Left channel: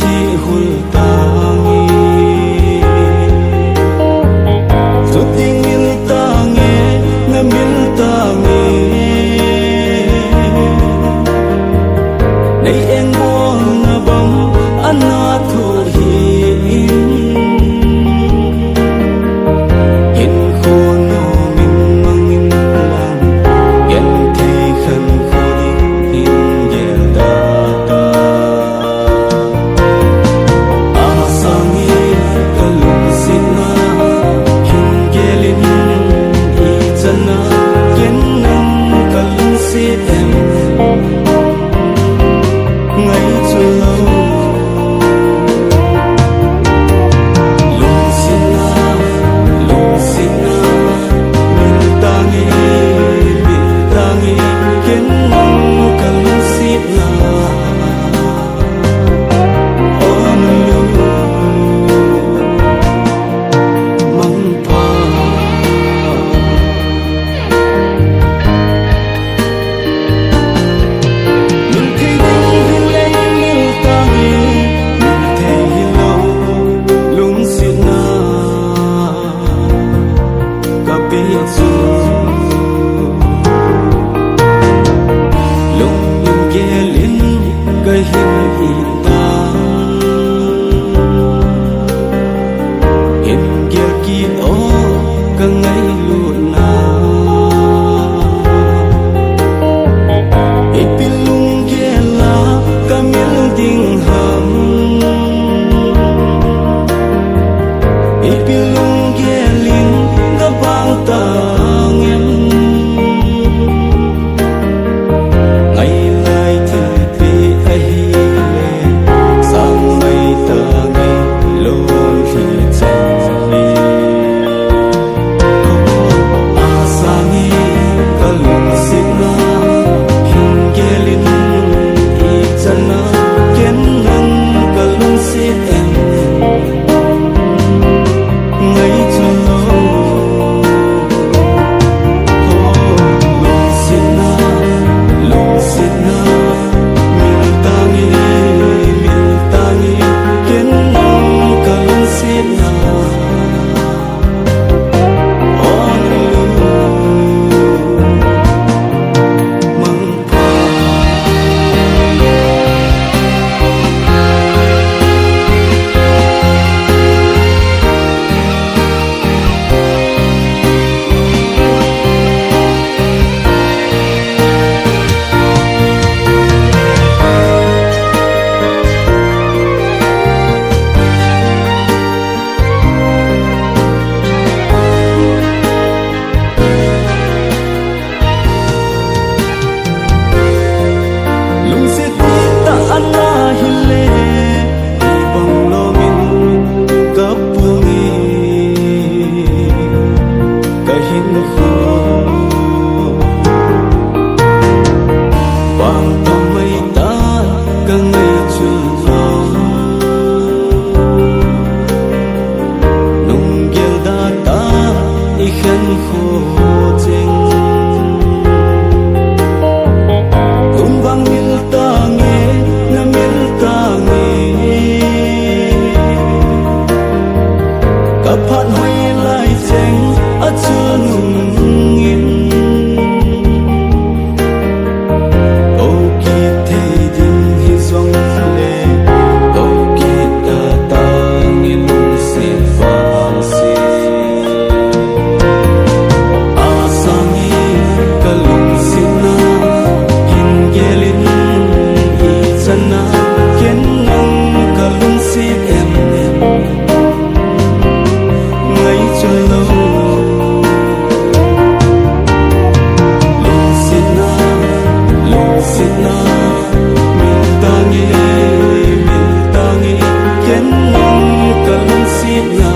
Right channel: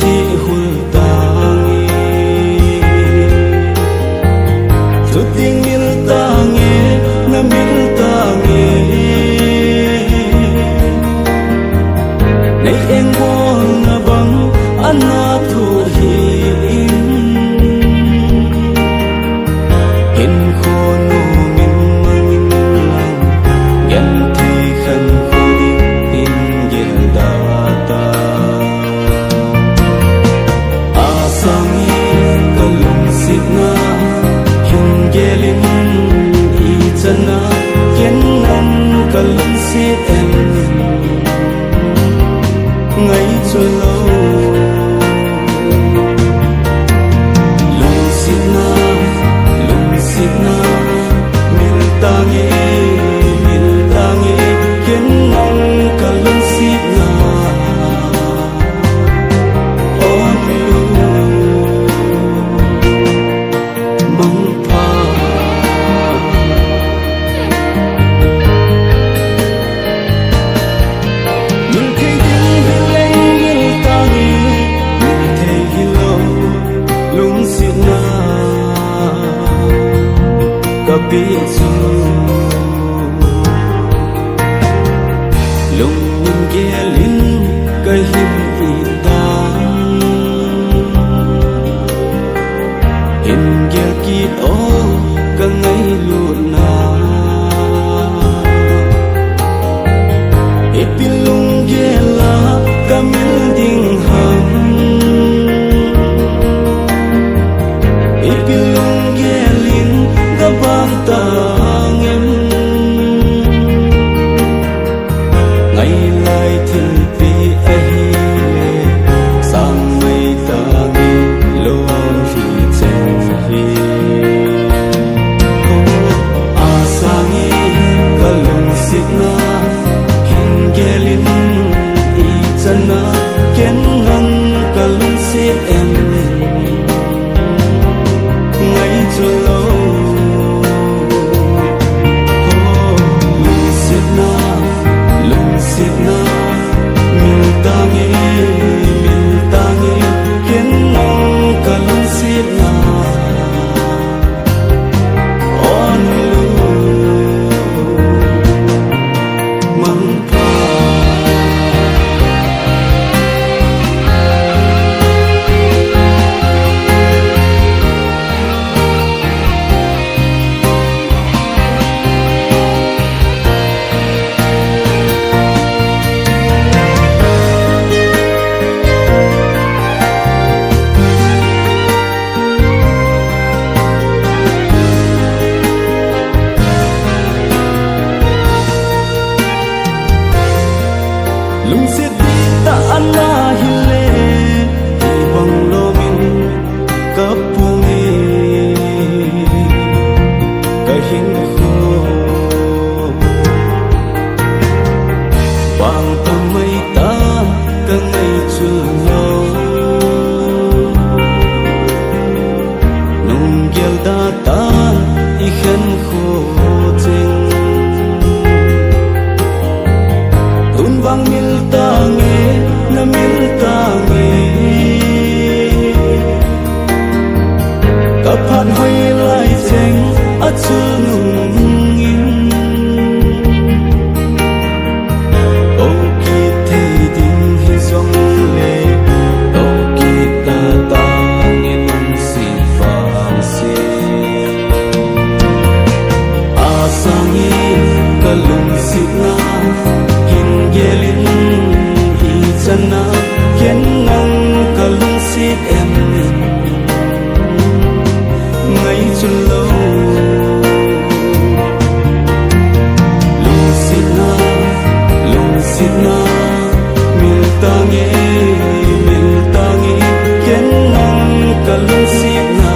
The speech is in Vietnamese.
thi hul tangi zo ting mil tangi na mil tangi nei eng bol na bang ana thu hi in khono min mangin lang gen thi khan khodi in gel data asangi kalum sitna hin gelin I chana ken nam kalum sit em ngay chu lâu lung sit na mil tangi ken nam kalum sit na on lu mang pha mil thei ding hileng mil tangi mil thei hilo lung sit na kapi chu lung nim gelin ka hin I dang hin gel ki o ka ngai lu na ipilung gela ka mil ding ham ipilung gelin ka bang tang em ngày lai thil pi a hi le sang mai tangi lon hi chen hi ko asangi kalung sitna hin gelin I chana ken nan kalung sit em ngay chu lâu lung sit na mil tangi ken nam kalung sit na on lu mang pha lung sit di ta ana hile I bang lo min kapungi kahin kho bang tamai tan ka ngai chu lo nung gel da tan I khan kho cheng bang mil tangi na mil tangi kaphan hoi lai cheng a chu nung in o ki thei ding hi zong le o ki ta tang lung sit vang si asangi kalung sit na gelin I chana ken nam kalung sit em ngay chu lâu lung sit na mil tangi ken nam kalung sit na